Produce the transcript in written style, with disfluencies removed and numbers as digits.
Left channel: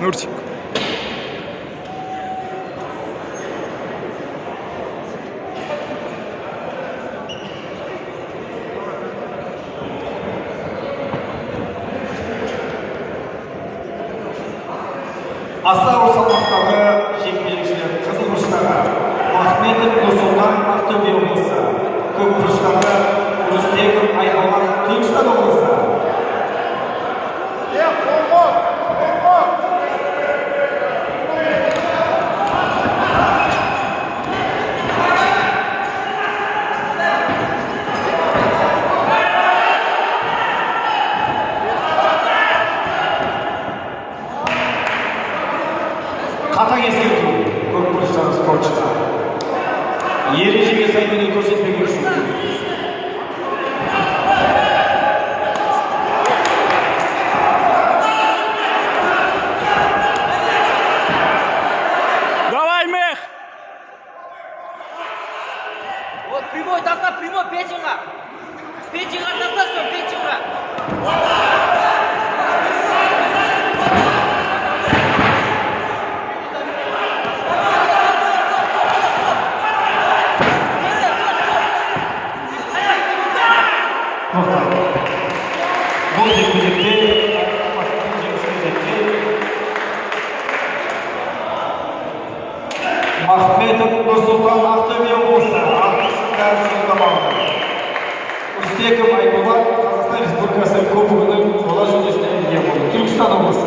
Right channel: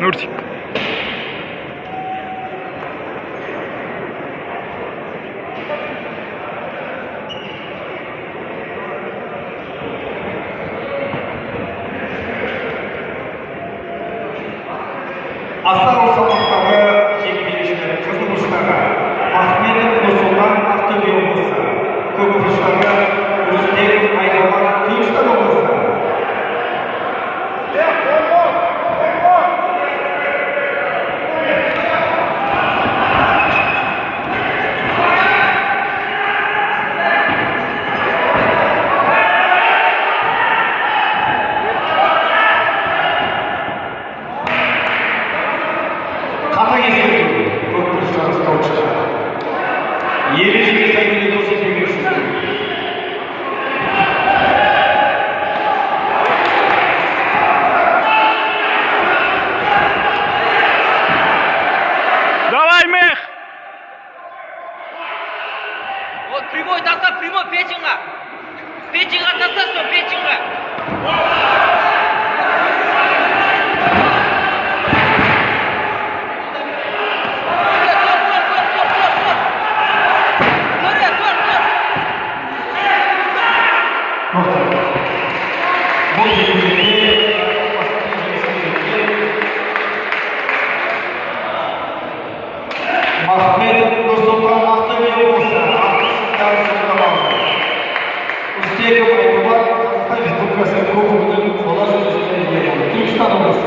Нурсик. Аса салмақтағы жекпе-жектер қызыл бұрыштағы Ахметов Нұрсұлтан Ақтөбе облысы, көк бұрыштағы Рүстем Айдалған Түркістан облысы. Қатаң ескерту, көк бұрыштағы спортшылар. Ережеге сай өнер көрсетпеу үшін. Давай, Мех! Вот прямой достав, прямой печеньга. Печеньга достав, все, печеньга. Бұл жекпе-жекте Ахметов Нұрсұлтан